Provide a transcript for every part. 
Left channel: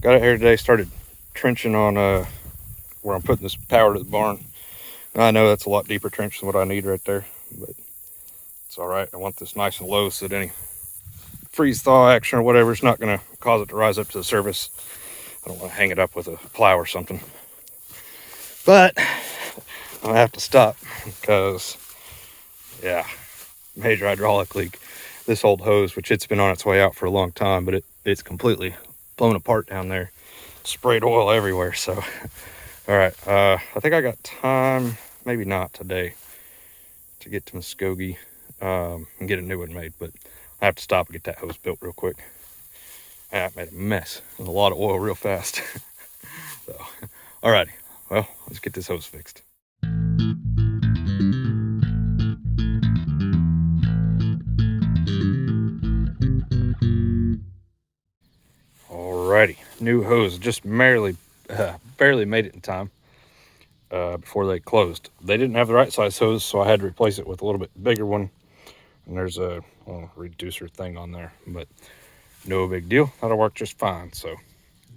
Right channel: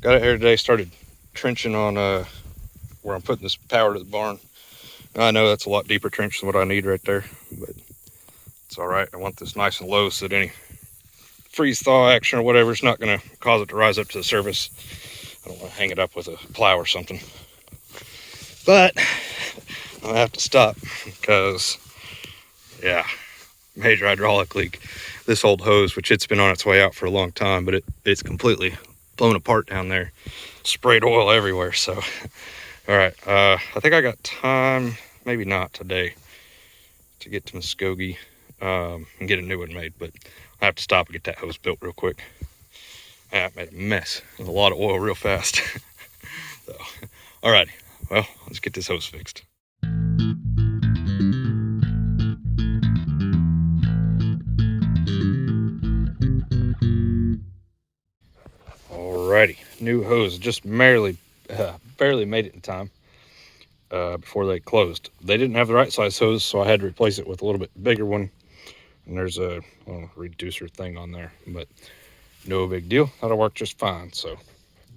Got out here today, started trenching on where I'm putting this power to the barn. I know that's a lot deeper trench than what I need right there, but it's all right. I want this nice and low so that any freeze thaw action or whatever is not going to cause it to rise up to the surface. I don't want to hang it up with a plow or something. But I'm going to have to stop because, yeah, major hydraulic leak. This old hose, which it's been on its way out for a long time, but it's completely blown apart down there. Sprayed oil everywhere, so. All right, I think I got time, maybe not today, to get to Muskogee and get a new one made, but I have to stop and get that hose built real quick. I made a mess with a lot of oil real fast. So, all righty, well, let's get this hose fixed. Alrighty, new hose, just barely made it in time before they closed. They didn't have the right size hose, so I had to replace it with a little bit bigger one. And there's a reducer thing on there, but no big deal. That'll work just fine. So,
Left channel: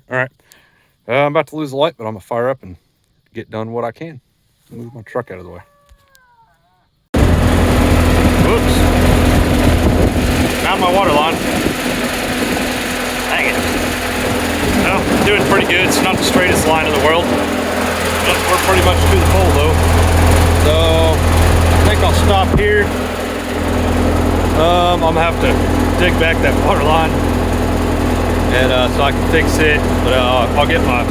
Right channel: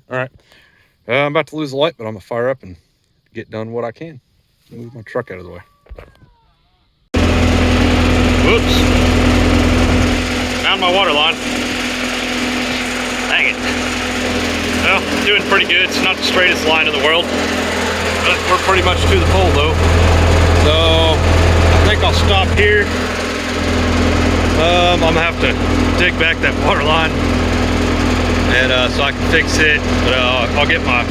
all right, I'm about to lose the light, but I'm gonna fire up and get done what I can. Move my truck out of the way. Whoops! Found my water line. Dang it. Well, doing pretty good. It's not the straightest line in the world, but we're pretty much to the pole though. So I think I'll stop here. I'm gonna have to dig back that water line, and so I can fix it. But I'll get my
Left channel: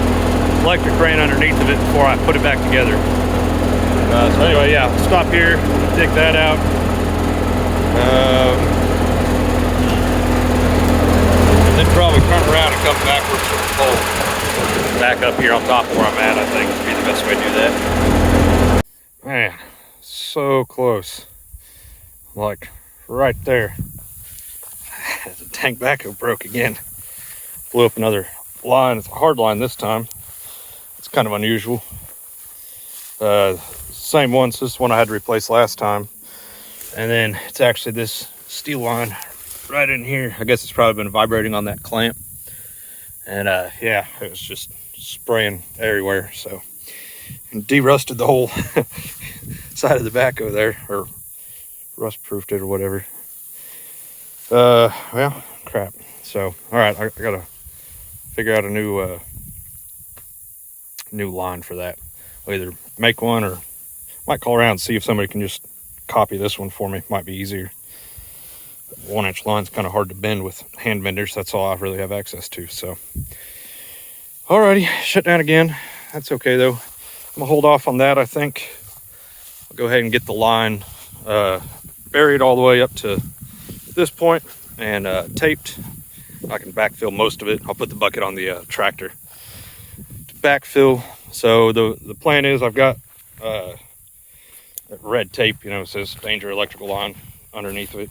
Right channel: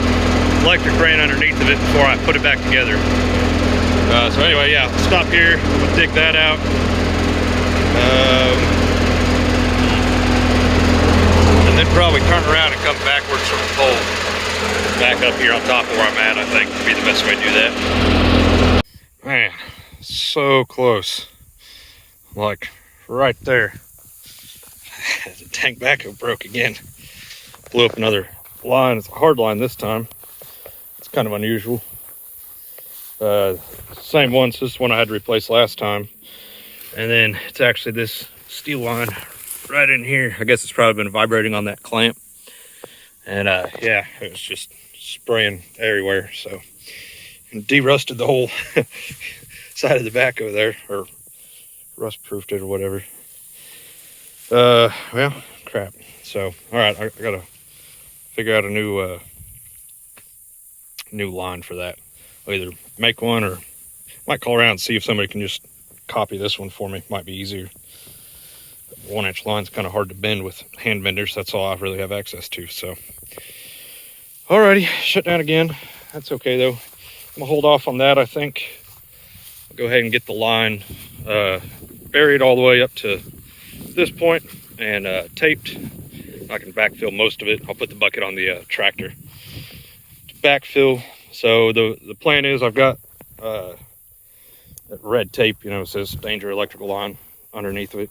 electric brain underneath of it before I put it back together. So anyway, yeah, I'll stop here. I'm gonna dig that out. And then probably turn around and come backwards from the pole. Back up here on top of where I'm at, I think would be the best way to do that. Man, so close. Like right there. The tank backhoe broke again. Blew up another line. It's a hard line this time. It's kind of unusual. Same one, so this one I had to replace last time. And then it's actually this steel line right in here. I guess it's probably been vibrating on that clamp. And yeah, it was just spraying everywhere. So, and de-rusted the whole side of the backhoe there, or rust-proofed it or whatever. Well, crap. So, all right, I gotta figure out a new line for that. I'll either make one or might call around and see if somebody can just copy this one for me. Might be easier. 1-inch line's kind of hard to bend with hand benders. That's all I really have access to. So, alrighty, shut down again. That's okay though. I'm gonna hold off on that. I think I'll go ahead and get the line buried all the way up to this point and taped. I can backfill most of it. I'll put the bucket on the tractor to backfill. So the plan is I've got that red tape, you know, it says danger electrical line underneath of it.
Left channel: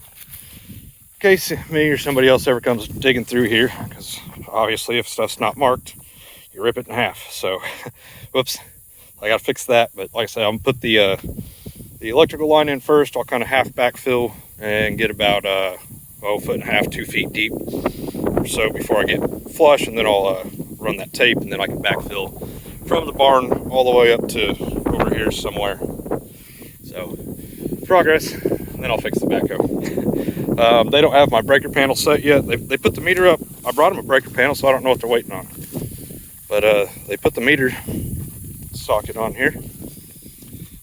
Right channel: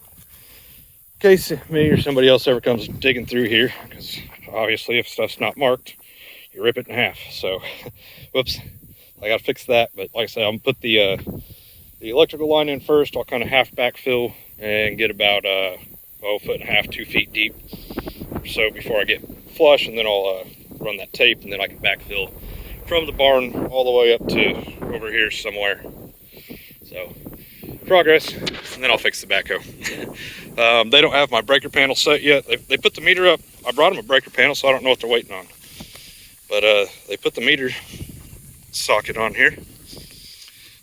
In case me or somebody else ever comes digging through here, because obviously if stuff's not marked, you rip it in half. So, whoops, I gotta fix that. But like I said, I'm gonna put the electrical line in first. I'll kind of half backfill and get about 1.5 feet, 2 feet deep or so before I get flush, and then I'll run that tape, and then I can backfill from the barn all the way up to over here somewhere. So, progress, and then I'll fix the backhoe. They don't have my breaker panel set yet. They put the meter up. I brought them a breaker panel, so I don't know what they're waiting on. But they put the meter socket on here.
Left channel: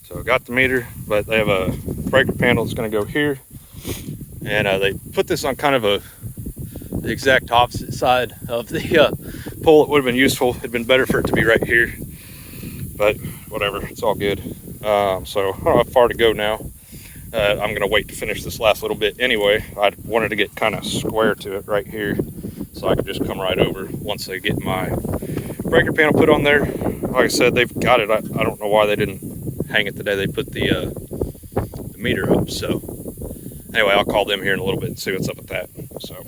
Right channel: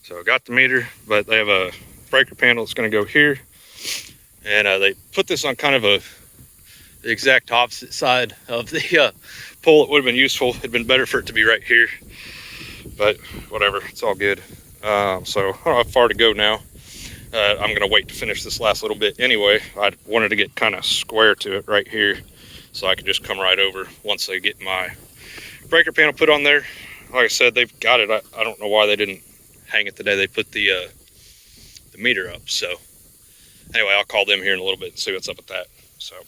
So I got the meter, but they have a breaker panel that's going to go here. And they put this on kind of the exact opposite side of the pole. It would have been useful. It'd been better for it to be right here. But whatever, it's all good. So I don't know how far to go now. I'm going to wait to finish this last little bit anyway. I wanted to get kind of square to it right here so I could just come right over once they get my breaker panel put on there. Like I said, they've got it. I don't know why they didn't hang it the day they put the meter up. So anyway, I'll call them here in a little bit and see what's up with that. So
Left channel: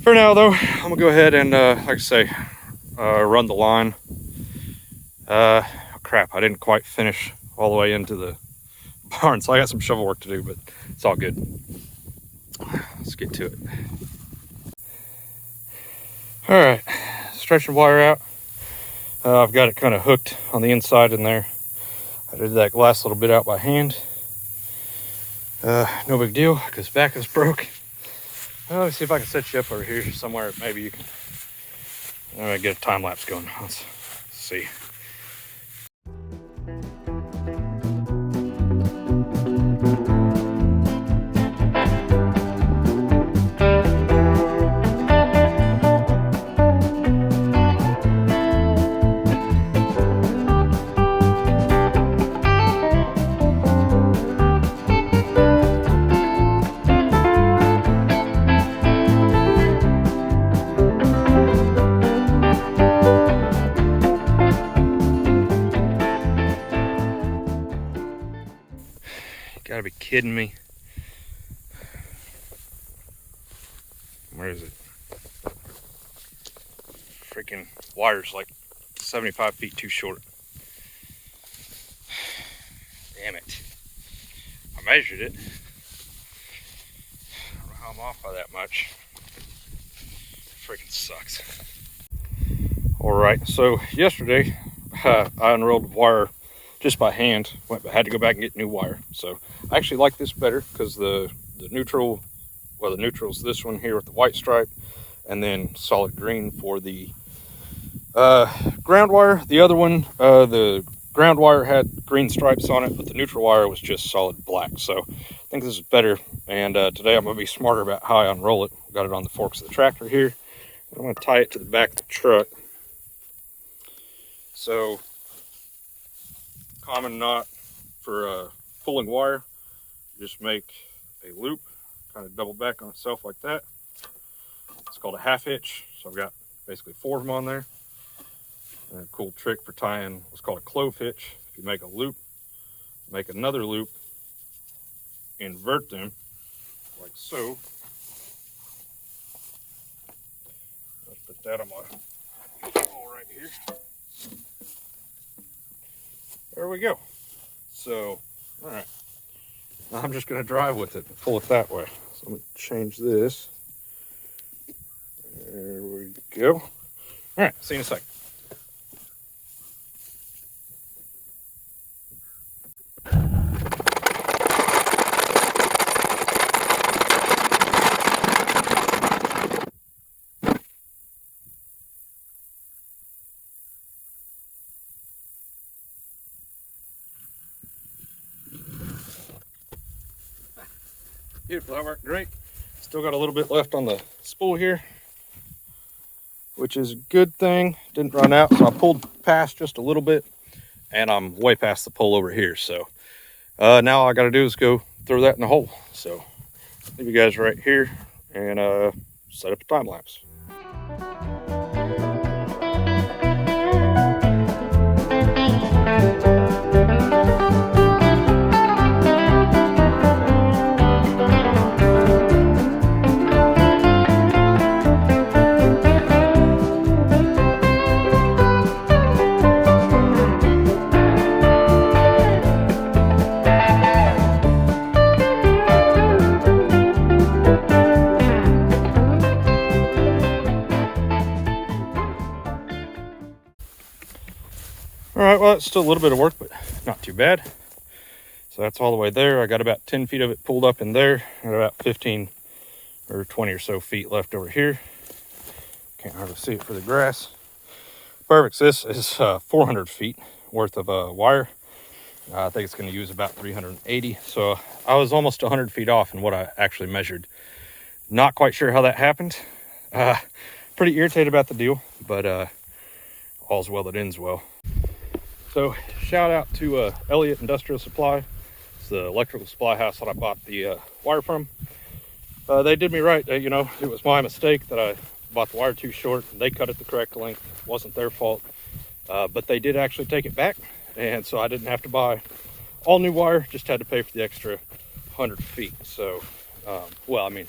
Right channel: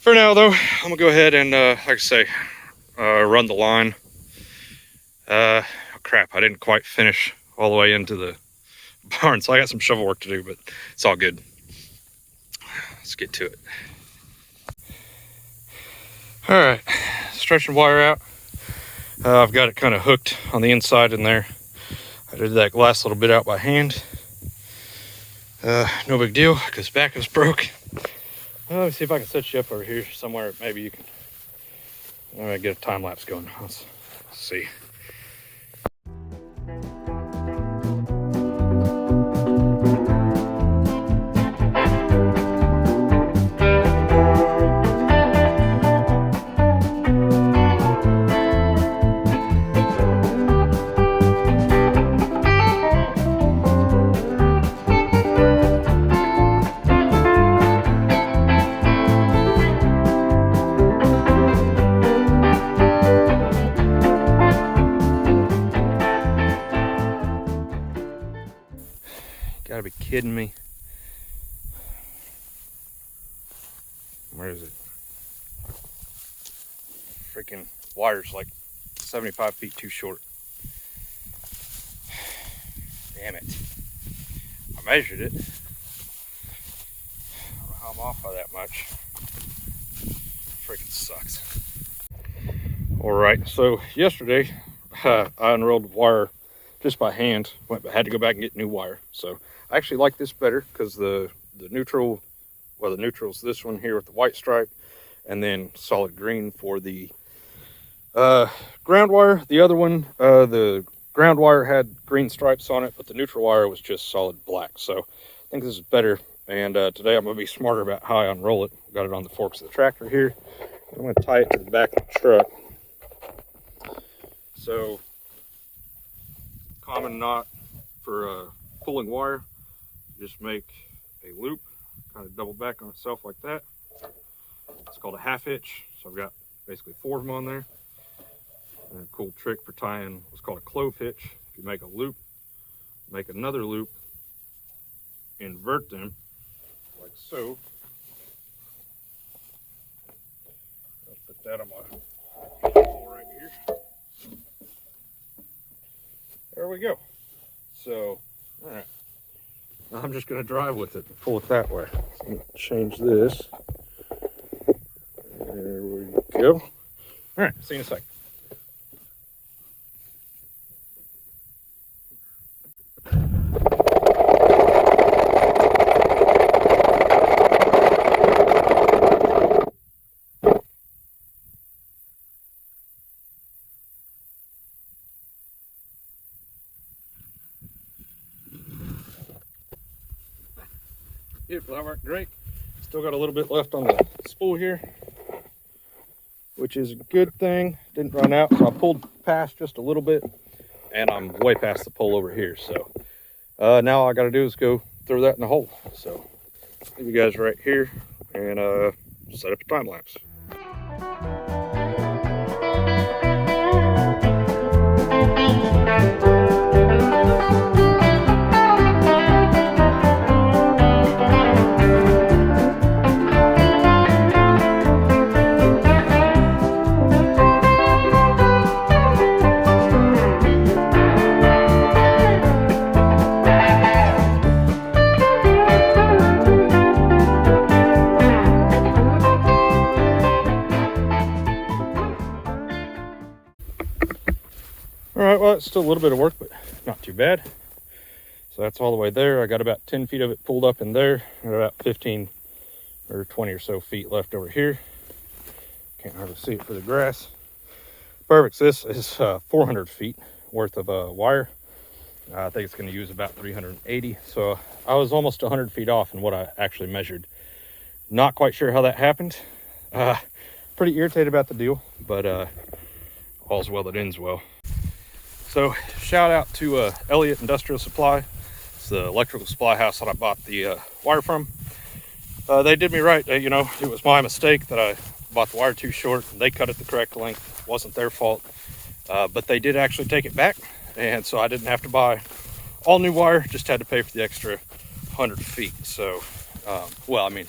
for now though, I'm going to go ahead and like I say, run the line. Oh crap, I didn't quite finish all the way into the barn, so I got some shovel work to do, but it's all good. Let's get to it. All right, stretching wire out. I've got it kind of hooked on the inside in there. I did that last little bit out by hand. No big deal, because back is broke. Let me see if I can set you up over here somewhere. Maybe you can get a time lapse going. Let's see. Gotta be kidding me. Where is it? Freaking wire's like 75 feet too short. Damn it. I measured it. I don't know how I'm off by that much. Freaking sucks. Alright, so yesterday I unrolled wire just by hand. I had to go back and get new wire. So I actually like this better because the neutral, well, the neutral's this one here with the white stripe, and then solid green for the ground wire. The other one, the ground wire had green stripes on it, but the neutral wire was just solid black. So I think this is better. And today I'm going to be smarter about how I unroll it. Got it on the forks of the tractor here. I'm going to tie it to the back of the truck. So common knot for pulling wire, just make a loop, kind of double back on itself like that. It's called a half hitch. So I've got basically 4 of them on there. And a cool trick for tying what's called a clove hitch. If you make a loop, make another loop, invert them like so. Let's put that on my pole right here. There we go. So, all right. Now I'm just going to drive with it and pull it that way. So I'm going to change this. There we go. All right, see you in a second. Beautiful, that worked great. Still got a little bit left on the spool here, which is a good thing. Didn't run out, so I pulled past just a little bit, and I'm way past the pole over here. So now all I got to do is go throw that in the hole. So leave you guys right here and set up a time lapse. All right, well, it's still a little bit of work, but not too bad. So that's all the way there. I got about 10 feet of it pulled up in there, and about 15 or 20 or so feet left over here. Can't hardly see it for the grass. Perfect. So this is 400 feet worth of wire. I think it's going to use about 380. So I was almost 100 feet off in what I actually measured. Not quite sure how that happened. Pretty irritated about the deal, but all's well that ends well. So shout out to Elliott Industrial Supply. It's the electrical supply house that I bought the wire from. They did me right. You know, it was my mistake that I bought the wire too short. They cut it the correct length. It wasn't their fault. But they did actually take it back. And so I didn't have to buy all new wire, just had to pay for the extra 100 feet. So, well, I mean,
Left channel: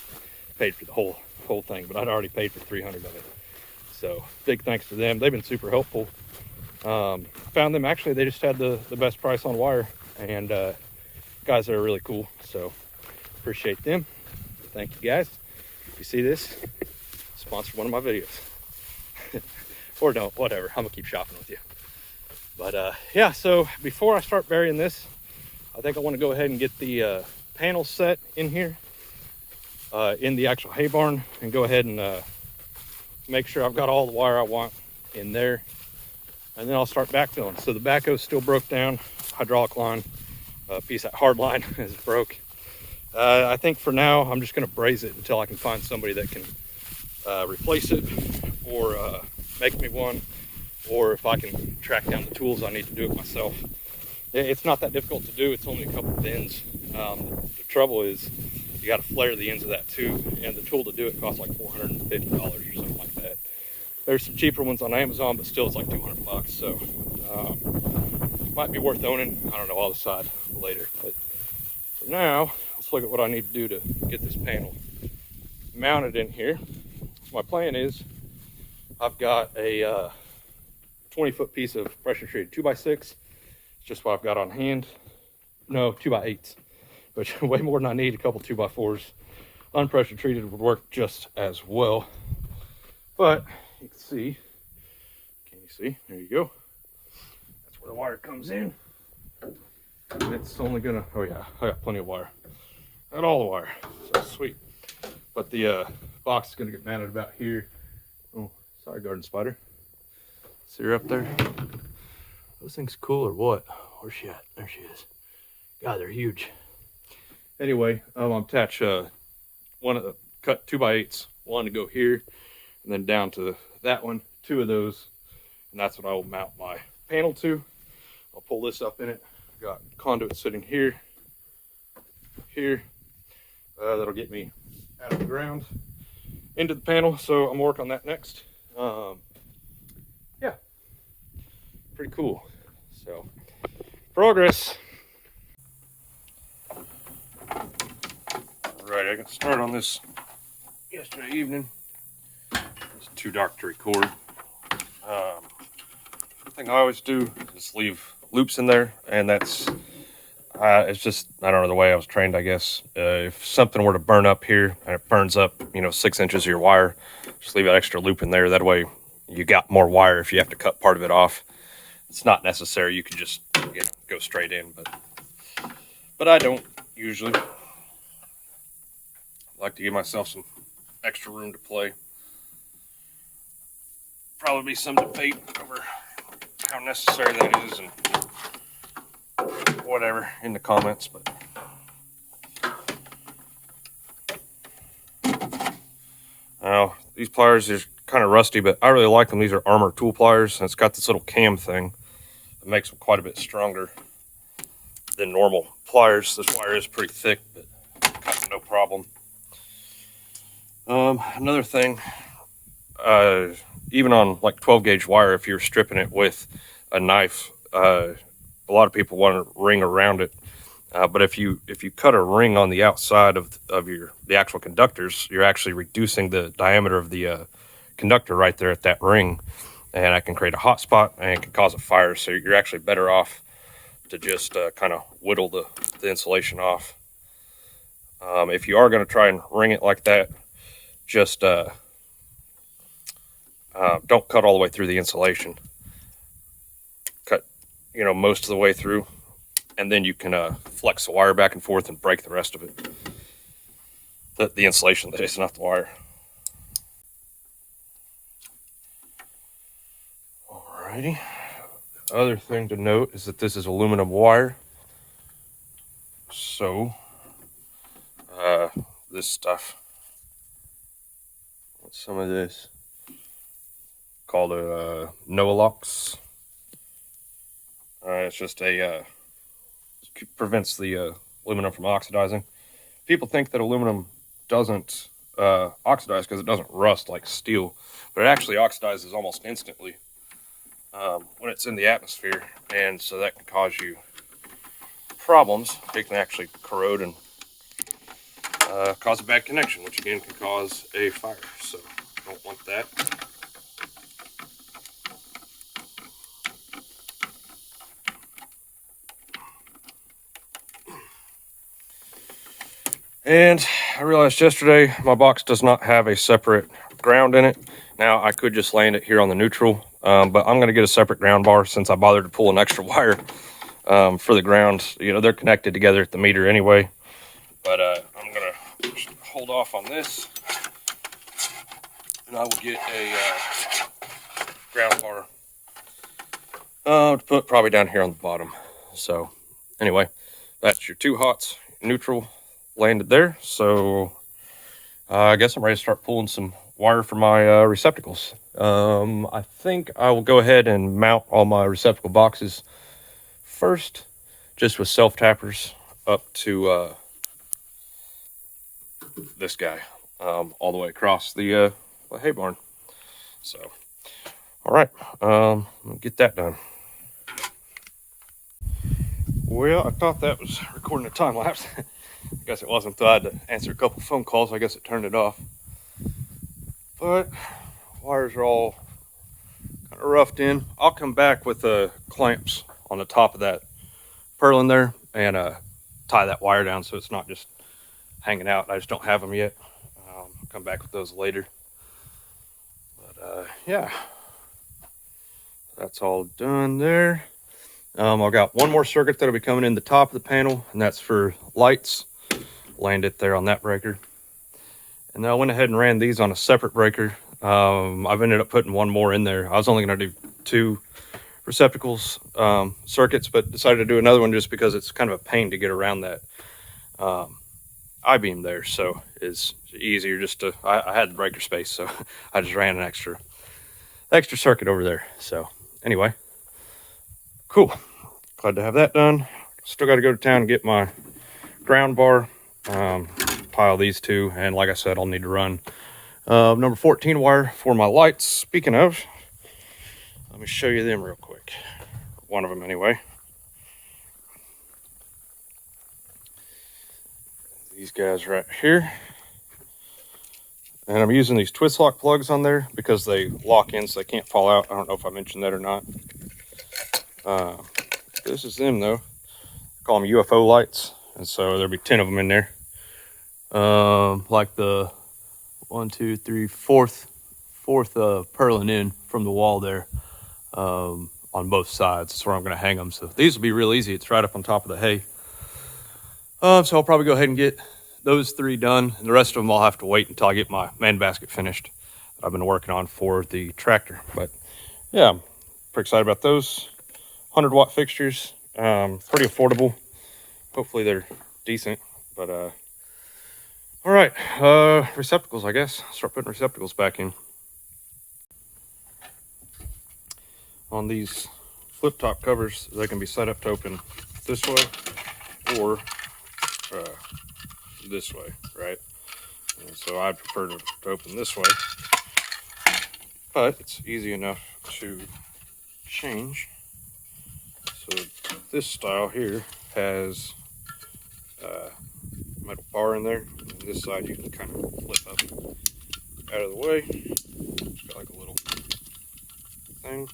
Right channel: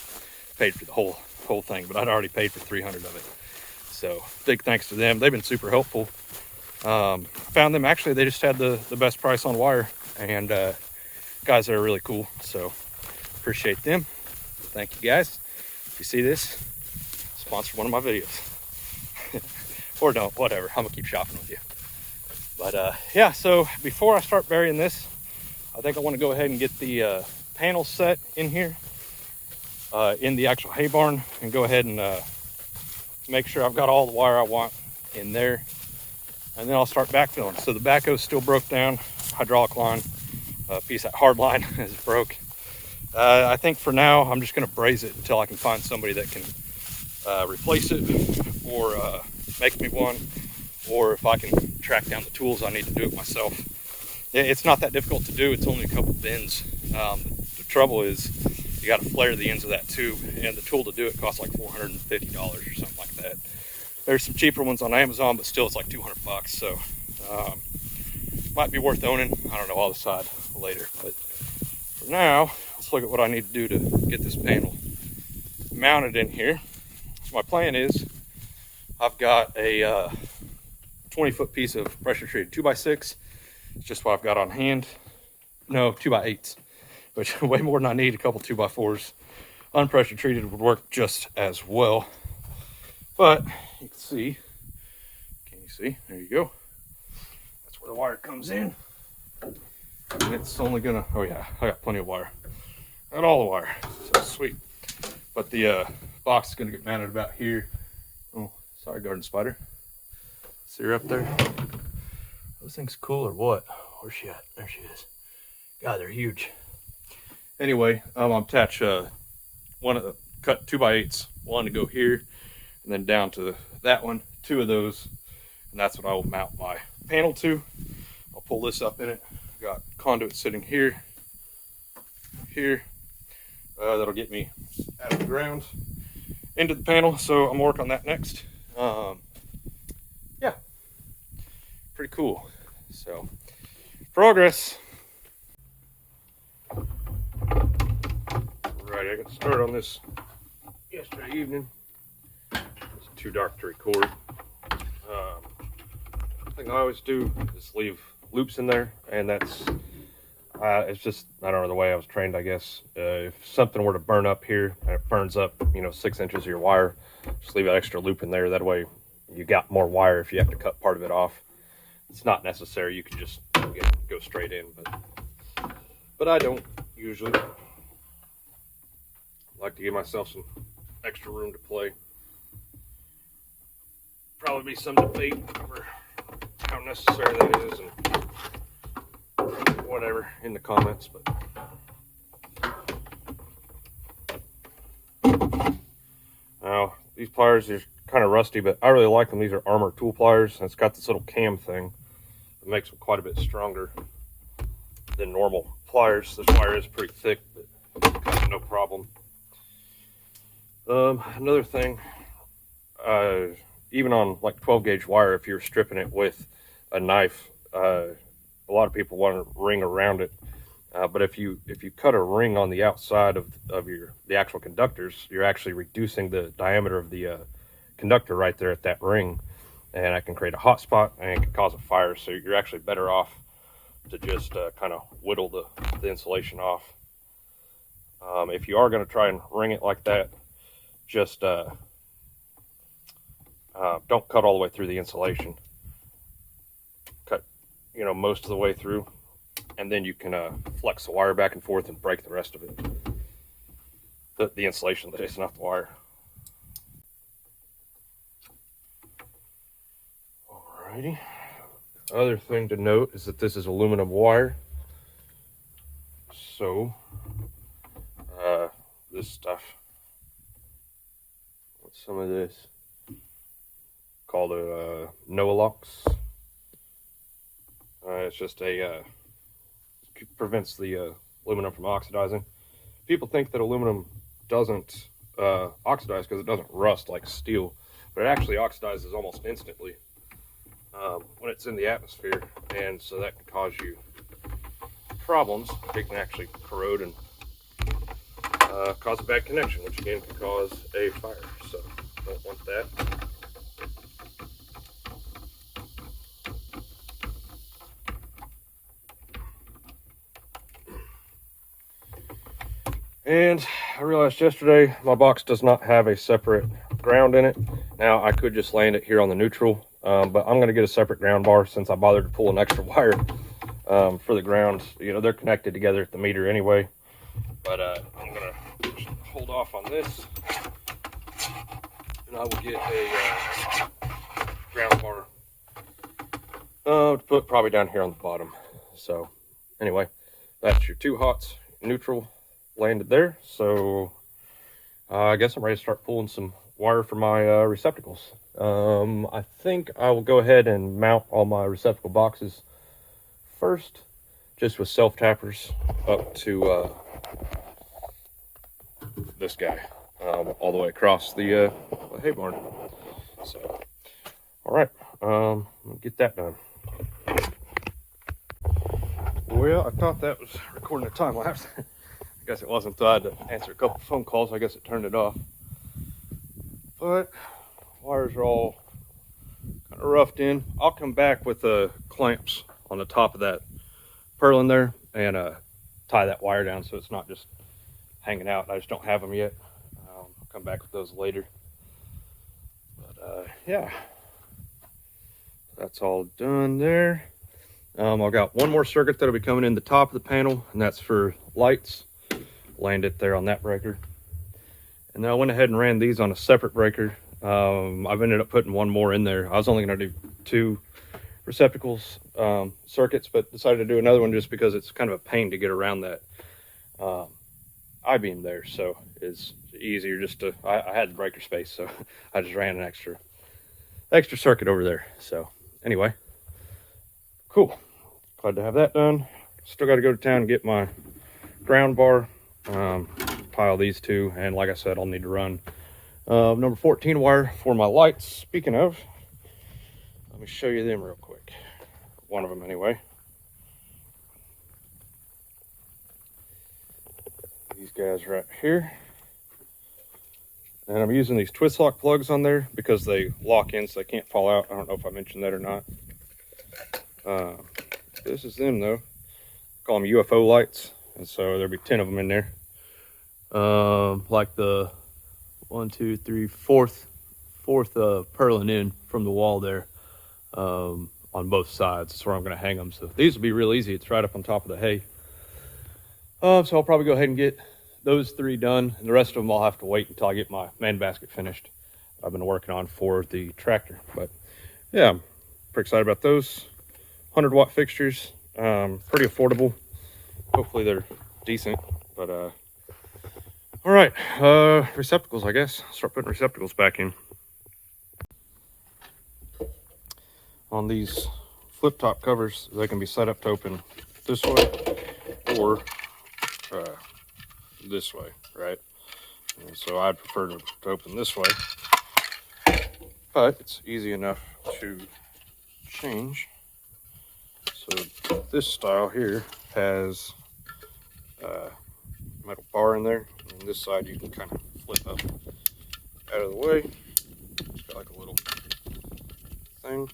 paid for the whole thing, but I'd already paid for 300 of it. So big thanks to them. They've been super helpful. Found them, actually, they just had the best price on wire, and guys are really cool. So appreciate them. Thank you guys. If you see this, sponsor one of my videos. or don't, whatever. I'm gonna keep shopping with you. But yeah, so before I start burying this, I think I want to go ahead and get the panels set in here in the actual hay barn, and go ahead and make sure I've got all the wire I want in there, and then I'll start backfilling. So the backhoe still broke down, hydraulic line, piece of hard line is broke. I think for now I'm just going to braze it until I can find somebody that can replace it, or make me one, or if I can track down the tools I need to do it myself. It's not that difficult to do. It's only a couple bends. The trouble is you got to flare the ends of that too, and the tool to do it costs like $450 or something like that. There's some cheaper ones on Amazon, but still it's like 200 bucks. So might be worth owning. I don't know, I'll decide later. But for now, let's look at what I need to do to get this panel mounted in here. My plan is I've got a 20-foot piece of pressure treated 2x6. It's just what I've got on hand. No, 2x8s, which way more than I need. A couple 2x4s. Unpressure treated would work just as well. But you can see, see? There you go. That's where the wire comes in. And it's only gonna, oh yeah, I got plenty of wire. Got all the wire, so sweet. But the box is gonna get mounted about here. Oh, sorry, garden spider. See her up there? Those things cool or what? Where's she at? There she is. God, they're huge. Anyway, I'm attach one of the cut 2x8s, one to go here, and then down to that one, 2 of those, and that's what I will mount my panel to. I'll pull this up in it. Got conduit sitting here, that'll get me out of the ground into the panel, so I'm gonna work on that next. Yeah, pretty cool. So, progress. Right, I got started on this yesterday evening. It's too dark to record. One thing I always do is leave loops in there, and that's it's just, I don't know, the way I was trained, I guess. If something were to burn up here and it burns up, you know, 6 inches of your wire, just leave that extra loop in there. That way you got more wire if you have to cut part of it off. It's not necessary, you can just go straight in, but I don't usually. I like to give myself some extra room to play. Probably be some debate over how necessary that is, and whatever in the comments, but now these pliers are kind of rusty, but I really like them. These are Armor tool pliers, and it's got this little cam thing that makes them quite a bit stronger than normal pliers. This wire is pretty thick, but cuts no problem. Another thing, even on like 12 gauge wire, if you're stripping it with a knife, a lot of people want to ring around it, but if you cut a ring on the outside of the actual conductors, you're actually reducing the diameter of the conductor right there at that ring, and that can create a hot spot and it can cause a fire. So you're actually better off to just kind of whittle the insulation off. If you are going to try and ring it like that, just don't cut all the way through the insulation. Cut, you know, most of the way through, and then you can flex the wire back and forth and break the rest of it. The insulation, that is, not the wire. Alrighty. Other thing to note is that this is aluminum wire. So this stuff, some of this called a Noalox. It's just prevents the aluminum from oxidizing. People think that aluminum doesn't oxidize because it doesn't rust like steel, but it actually oxidizes almost instantly when it's in the atmosphere, and so that can cause you problems. It can actually corrode and cause a bad connection, which again can cause a fire, so don't want that. And I realized yesterday my box does not have a separate ground in it. Now I could just land it here on the neutral, but I'm gonna get a separate ground bar since I bothered to pull an extra wire for the grounds. You know, they're connected together at the meter anyway. But I'm gonna hold off on this, and I will get a ground bar to put probably down here on the bottom. So anyway, that's your 2 hots. Neutral landed there. So I guess I'm ready to start pulling some wire for my receptacles. I think I will go ahead and mount all my receptacle boxes first, just with self tappers up to this guy, all the way across the hay barn. So, all right, get that done. Well, I thought that was recording a time lapse. I guess it wasn't, so I had to answer a couple phone calls. I guess it turned it off. But wires are all kind of roughed in. I'll come back with the clamps on the top of that purlin there and tie that wire down so it's not just hanging out. I just don't have them yet. I'll come back with those later. But yeah, that's all done there. I've got one more circuit that'll be coming in the top of the panel, and that's for lights. Land it there on that breaker. And then I went ahead and ran these on a separate breaker. I've ended up putting one more in there. I was only going to do 2 receptacles circuits, but decided to do another one just because it's kind of a pain to get around that I-beam there. So it's easier just to, I had the breaker space, so I just ran an extra circuit over there. So anyway, cool. Glad to have that done. Still got to go to town and get my ground bar, pile these 2, and like I said, I'll need to run number 14 wire for my lights. Speaking of, let me show you them real quick. One of them anyway. These guys right here. And I'm using these twist lock plugs on there because they lock in so they can't fall out. I don't know if I mentioned that or not. This is them though. I call them UFO lights. And so there'll be 10 of them in there. Like the 1, 2, 3, fourth purlin in from the wall there, on both sides. That's where I'm going to hang them. So these will be real easy. It's right up on top of the hay. So I'll probably go ahead and get those 3 done, and the rest of them I'll have to wait until I get my man basket finished that I've been working on for the tractor. But yeah, I'm pretty excited about those 100-watt fixtures. Pretty affordable. Hopefully they're decent. But all right, receptacles, I guess. Start putting receptacles back in. On these flip top covers, they can be set up to open this way or this way, right? And so I'd prefer to open this way, but it's easy enough to change. So this style here has a metal bar in there, and this side you can kind of flip up out of the way. It's got like a little thing.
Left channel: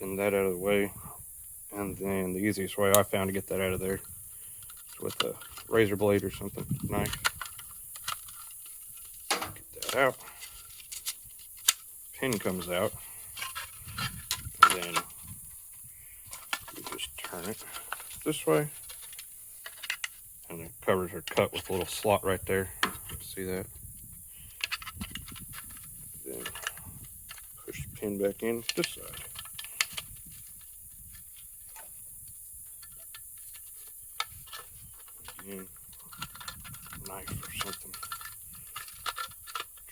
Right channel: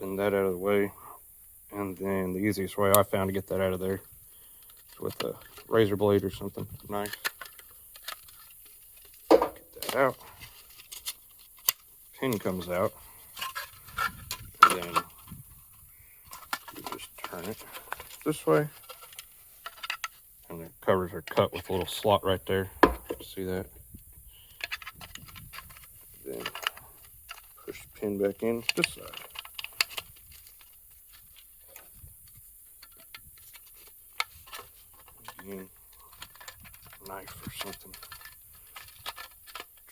Pin that out of the way, and then the easiest way I found to get that out of there is with a razor blade or something, knife. Get that out. Pin comes out, and then you just turn it this way, and the covers are cut with a little slot right there. See that? Then push the pin back in this side. Again, knife or something.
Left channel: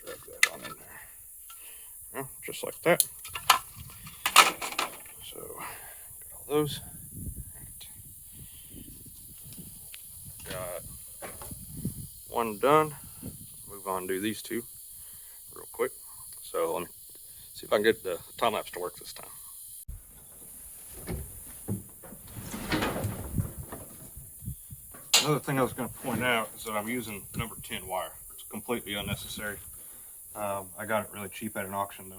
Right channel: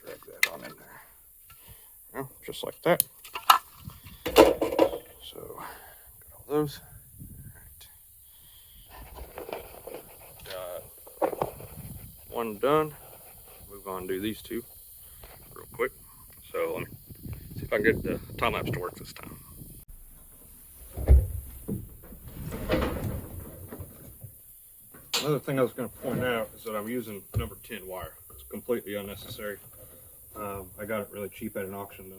Drag that on in there. Yeah, just like that. So, got all those. Got one done. Move on and do these 2 real quick. So let me see if I can get the time lapse to work this time. Another thing I was going to point out is that I'm using number 10 wire. It's completely unnecessary. I got it really cheap at an auction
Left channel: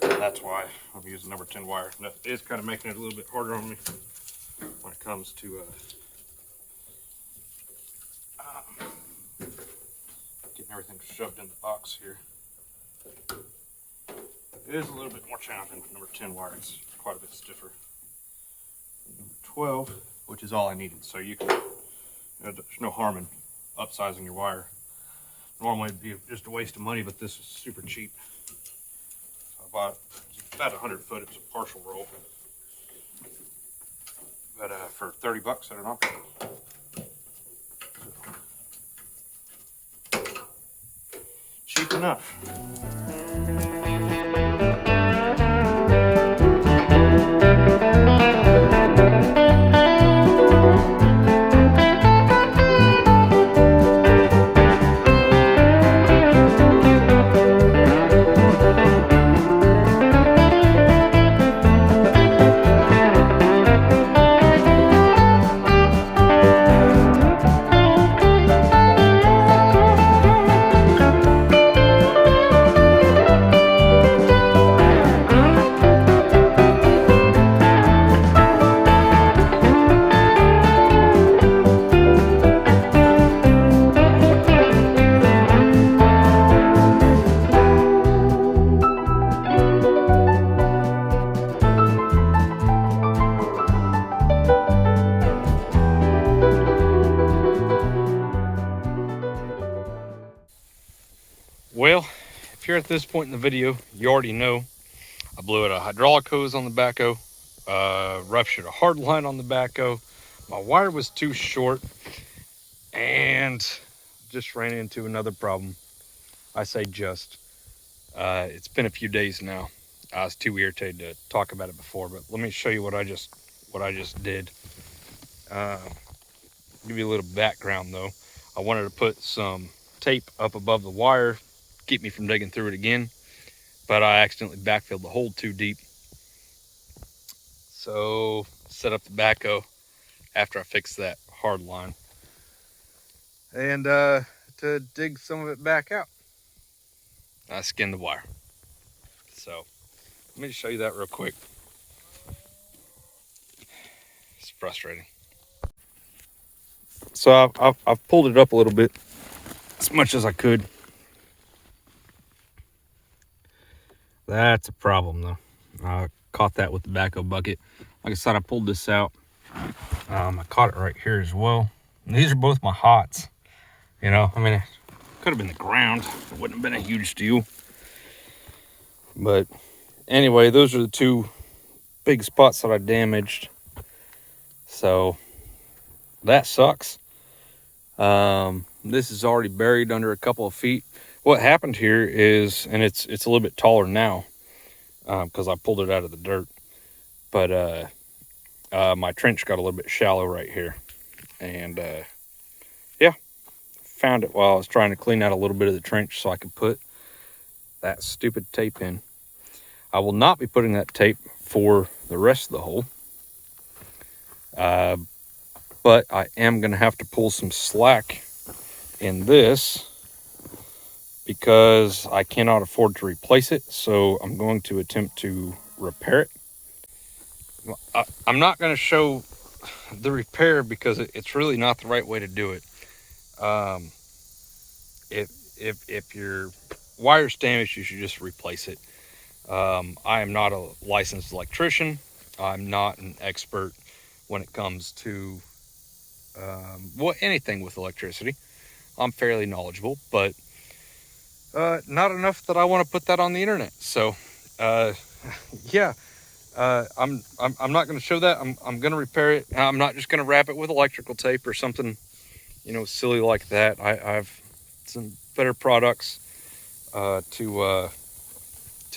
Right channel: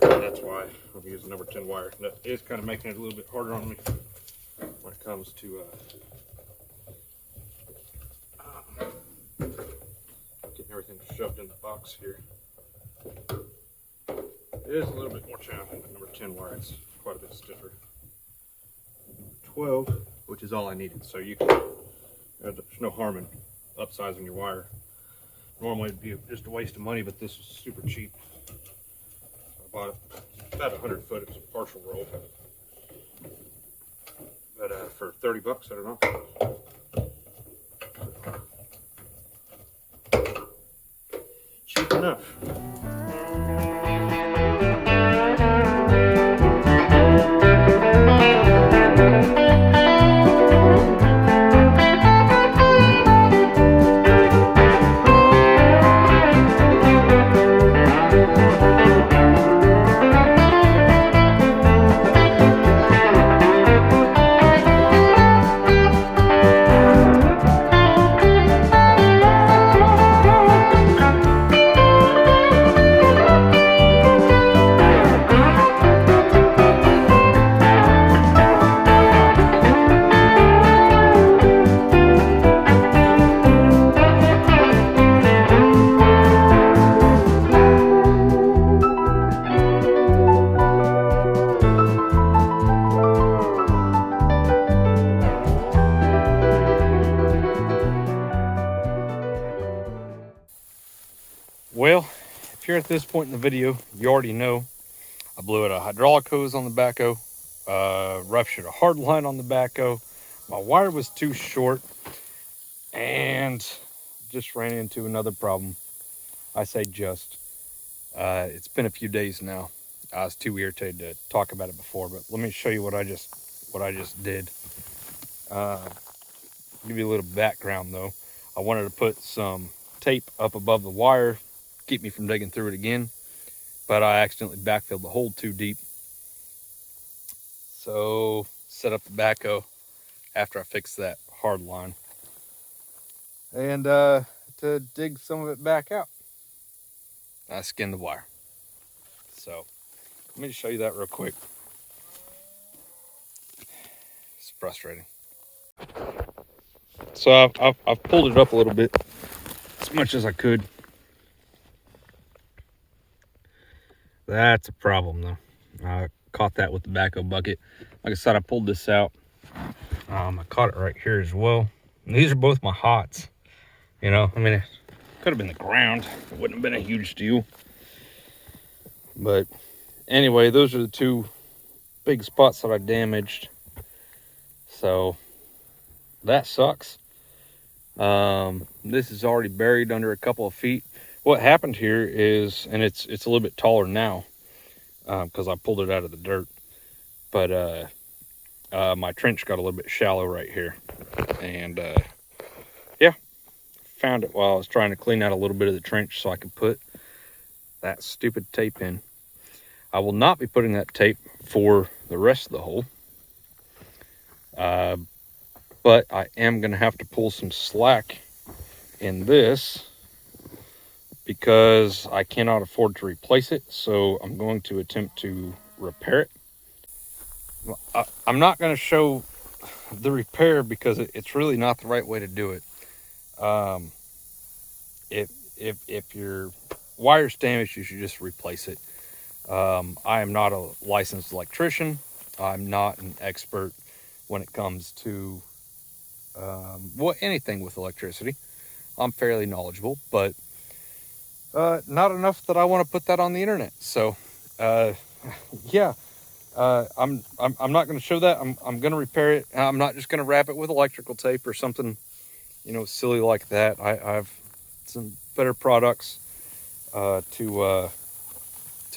though. And that's why I'm using number 10 wire. That is kind of making it a little bit harder on me when it comes to everything's shoved in the box here. It is a little bit more challenging with number 10 wire. It's quite a bit stiffer. 12, which is all I needed. So you can, there's no harm in upsizing your wire. Normally it'd be just a waste of money, but this is super cheap. So I bought about 100 foot. It was a partial roll. But for 30 bucks, I don't know. Cheap enough. Well, if you're at this point in the video, you already know I blew out a hydraulic hose on the backhoe, ruptured a hard line on the backhoe. My wire was too short and just ran into another problem. I say just. It's been a few days now. I was too irritated to talk about it before, but let me show you what I just did. Give you a little background though. I wanted to put some tape up above the wire, keep me from digging through it again, but I accidentally backfilled the hole too deep. So set up the backhoe after I fixed that hard line, and to dig some of it back out, I skinned the wire. So let me show you that real quick. It's frustrating. So I've pulled it up a little bit, as much as I could. That's a problem though. I caught that with the backhoe bucket. Like I said, I pulled this out. I caught it right here as well. And these are both my hots. You know, I mean, it could have been the ground. It wouldn't have been a huge deal. But anyway, those are the two big spots that I damaged. So that sucks. This is already buried under a couple of feet. What happened here is, and it's a little bit taller now, because I pulled it out of the dirt, but my trench got a little bit shallow right here, and yeah, found it while I was trying to clean out a little bit of the trench so I could put that stupid tape in. I will not be putting that tape for the rest of the hole, but I am going to have to pull some slack in this because I cannot afford to replace it. So I'm going to attempt to repair it. I'm not going to show the repair because it's really not the right way to do it. If your wire's damaged, you should just replace it. I am not a licensed electrician. I'm not an expert when it comes to well, anything with electricity. I'm fairly knowledgeable, but not enough that I want to put that on the internet. So yeah, I'm not going to show that. I'm going to repair it. I'm not just going to wrap it with electrical tape or something, you know, silly like that. I have some better products to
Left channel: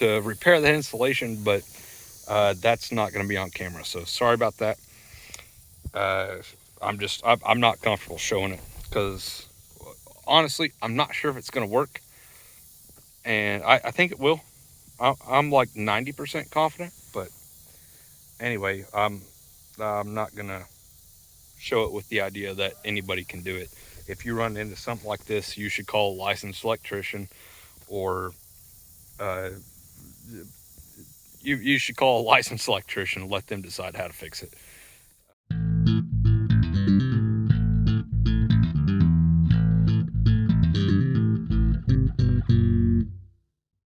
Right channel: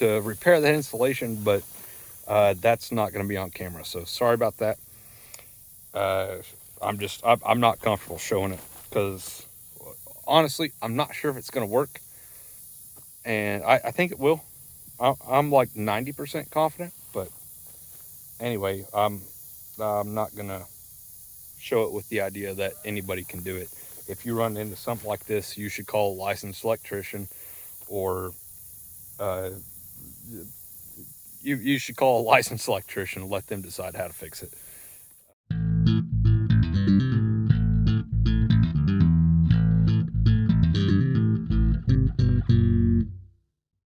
repair that installation, but that's not going to be on camera. So sorry about that. I'm not comfortable showing it because honestly, I'm not sure if it's going to work. And I think it will. I'm like 90% confident, but anyway, I'm not going to show it with the idea that anybody can do it. If you run into something like this, you should call a licensed electrician, or you should call a licensed electrician and let them decide how to fix it.